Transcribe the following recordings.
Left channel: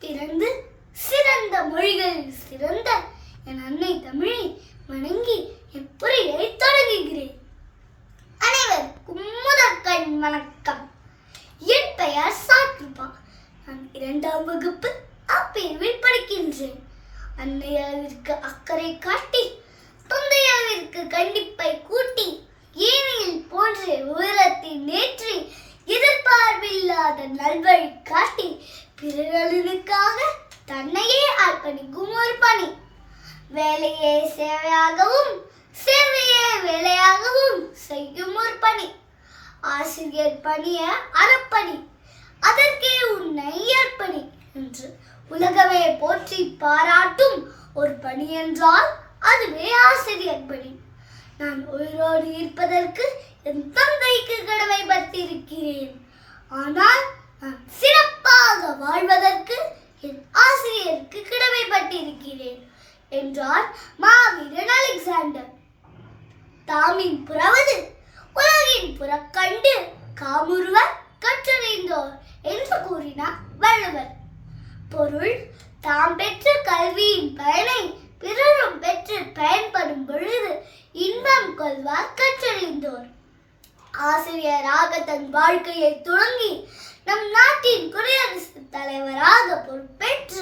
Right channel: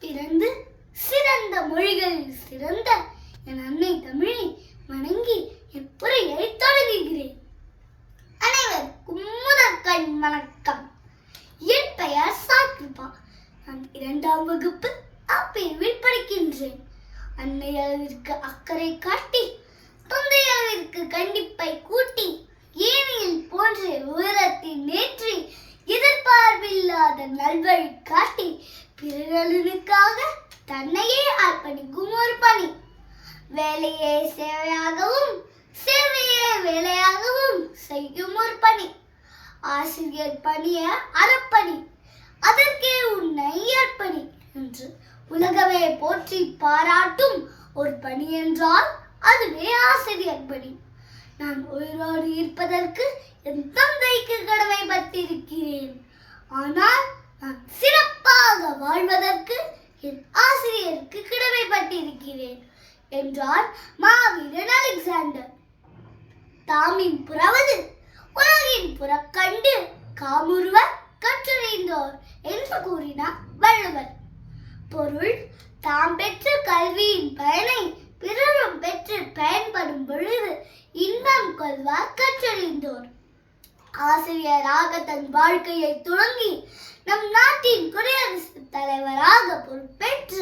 பிறந்து சிறந்த மொழிகளில் சிறந்த என் அன்னை தமிழை வணங்கி என் உரையை தொடங்குகிறேன்? அனைவருக்கும் முதற்கண் வணக்கம். என் பெயர் சாத்ருபா. நான் இரண்டாம் வகுப்பு அப்பிரிவில் படிக்கின்றேன். அன்னை அளவிற்கு அக்கறை காட்டி தந்தை அளவிற்கு கண்டிப்பை கூட்டி ஏனியில் போன்ற உயரத்தில் நேற்றி எதிர்பார்ப்பில்லாத நல்வழி பிறர்களுக்காக தன்னையே அர்ப்பணிக்கும் ஒரு பணி. வேலையே சேவையாகவும் சேவையே வேலையாகவும் செய்யும் ஒரு பணி. ஆசிரியர் பணிய அறப்பணி. அதற்கே உன்னை அர்ப்பணி என்று உலகமே போற்றி பாராட்டும் ஒரு பணி என்றால் அதுவே ஆசிரியர் பணி. நான் உயிரோடு இருப்பதற்கு என் தந்தைக்கு கடமைப்பட்டிருக்கிறேன். ஆனால் நான் சிறப்பு கடமைப்பட்டிருக்கிறேன் என்றார் மாவீரன் அலெக்சாண்டர். தாமின் புறவது உலகின் புறக்கண்டு காமுருவர் கற்றறிந்தோர் என்று கூறினார் வள்ளுவர். பொருள் தாம் பெற்ற கல்வியின் பயனை பிறரும் பெற்று பயன்படும் பொழுது இன்பம் கொள்வார் கற்றறிந்தோர். ஆசிரியராக தன் வாழ்க்கையை தொடங்கி நம் நாட்டின் குடியரசுத் தலைவராக பொறுப்பேற்ற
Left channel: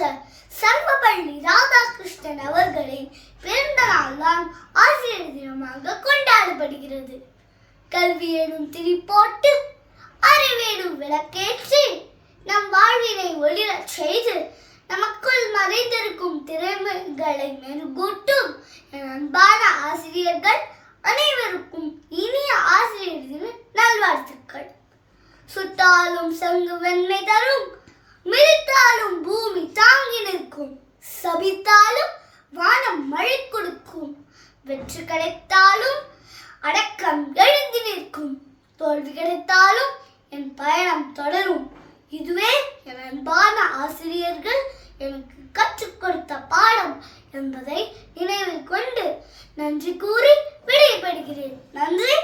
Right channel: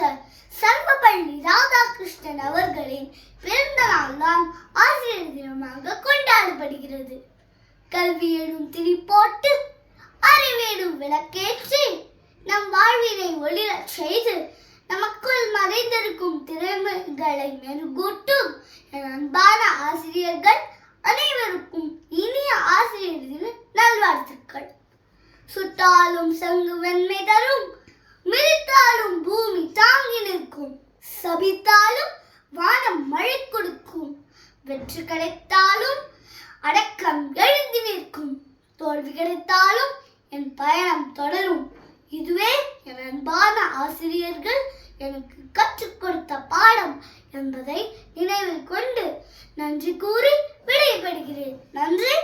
சர்வபள்ளி ராதாகிருஷ்ணன் அவர்களின் பிறந்த நாள்தான் ஆசிரியர் தினமாக கொண்டாடப்படுகிறது. கல்வி எனும் திரிப்போட்டு அறிவேடும் விளக்கேற்றி நம் வாழ்வினை ஒளிரச் செய்து நமக்குள் மறைந்திருக்கும் திறமைகளை மெருகூட்டும் என் அன்பான ஆசிரியர்கள் அனைவருக்கும் இனிய ஆசிரியர் தின நல்வாழ்த்துக்கள் சுட்டாலும் சங்கு வெண்மை தரும். மிதித்தாலும் பூமி தாங்கி நிற்கும். சபித்தாலும் வானம் மழை கொடுக்கும். வெற்றி கிடைத்தாலும் அடக்கம் எழுந்து நிற்கும். தோல்வி கிடைத்தாலும் என் பயணம் தொடரும். இதுவே என் அன்பான ஆசிரியர்கள் எனக்கு கற்றுக் கொடுத்த பாடம் என்பதை நினைவில் கொண்டு நன்றி கூறி விடைபெறுகிறேன். நன்றி.